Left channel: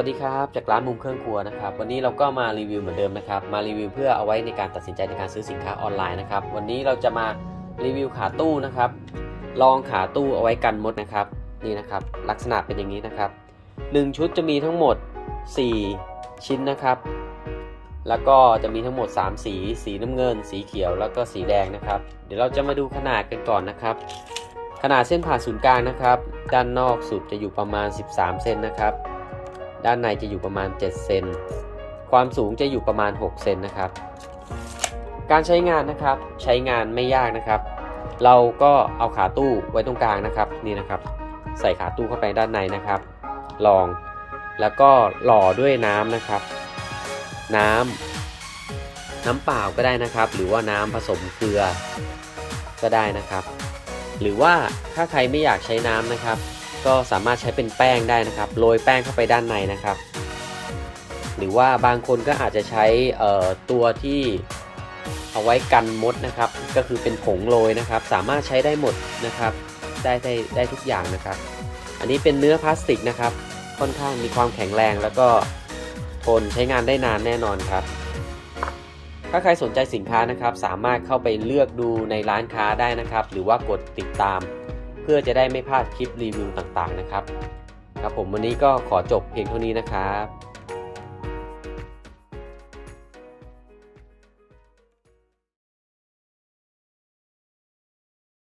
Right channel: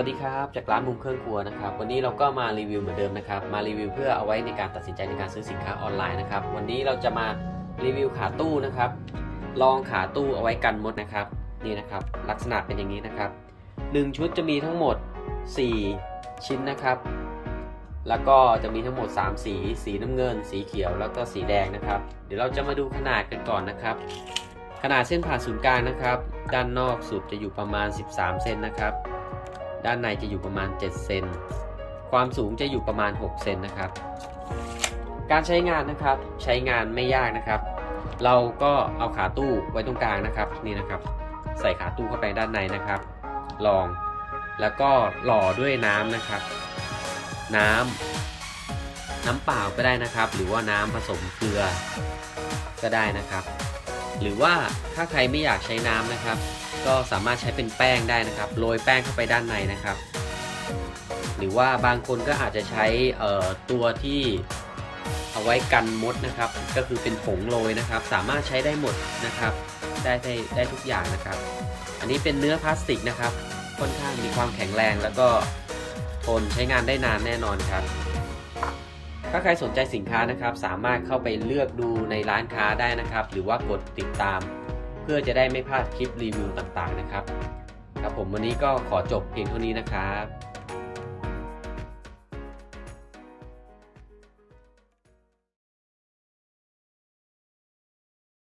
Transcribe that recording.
วัสดีครับ จากร้านมุมเครื่องครัวนะครับ วันนี้เราก็มารีวิวเหมือนเดิมนะครับ มารีวิวเพื่อเอาไว้ในการตัดสินใจในการซื้อสินค้าออนไลน์นะครับ วันนี้เราจะมารีวิวขาตู้นะครับ ลองขาตู้เอาไว้กันมดนะครับ นี่นะครับ ลักษณะเป็นอย่างนี้นะครับ 1 ชุดจะมีทั้งหมด 4 ชิ้นนะครับ แล้วก็จะมีทั้งหมด 3 สี สีน้ำเงิน สีเขียว แล้วก็สีแดงนะครับ เดี๋ยวเราจะมาดูขนาดกันก่อนนะครับ ขนาดเส้นผ่าศูนย์กลางนะครับ ด้านนอกสุดจะอยู่ประมาณ 13 เซนนะครับ ด้านในจะอยู่ประมาณ 7 เซน ความสูงจะอยู่ประมาณ 6 เซนนะครับ การใช้งานนะครับ ใช้งานไม่ยากนะครับ เราก็เอาขาตู้ไว้ตรงกลางนะครับ นี่นะครับ ใส่ขาตู้เข้าไปด้านในนะครับ ลอง แล้วก็หล่อด้วยน้ำนะครับ น้ำน้ำเปล่าก็ได้นะครับ หรือว่าน้ำผสมเกลือ ก็ได้นะครับ หรือว่าถ้าใครไม่อยากใช้น้ำนะครับ ก็สามารถใช้เป็นแป้งได้นะครับ โรยแป้งเข้าไปด้านในนะครับ หรือว่าบางคนก็อาจจะใช้ตัวที่เอาไว้กันมดนะครับ ก็คือเป็นผงโรยนะครับ สามารถใช้ได้หมดนะครับ ได้ได้ได้ทุกอย่างนะครับ อันนี้เป็นเนื้อพลาสติกนะครับ ค่อนข้างมีความแข็งแรงแล้วก็ทนใช้งานได้นานแน่นอนครับ ถ้าใครสนใจสินค้านะครับ สามารถเข้าไปเลือกดูในร้านค้าได้นะครับ หรือว่ากดติดตาม พื่อจะได้ไม่พลาดคลิปรีวิวต่างๆนะครับ ครับผมวันนี้ก็ขอจบเพียงเท่านี้นะครับ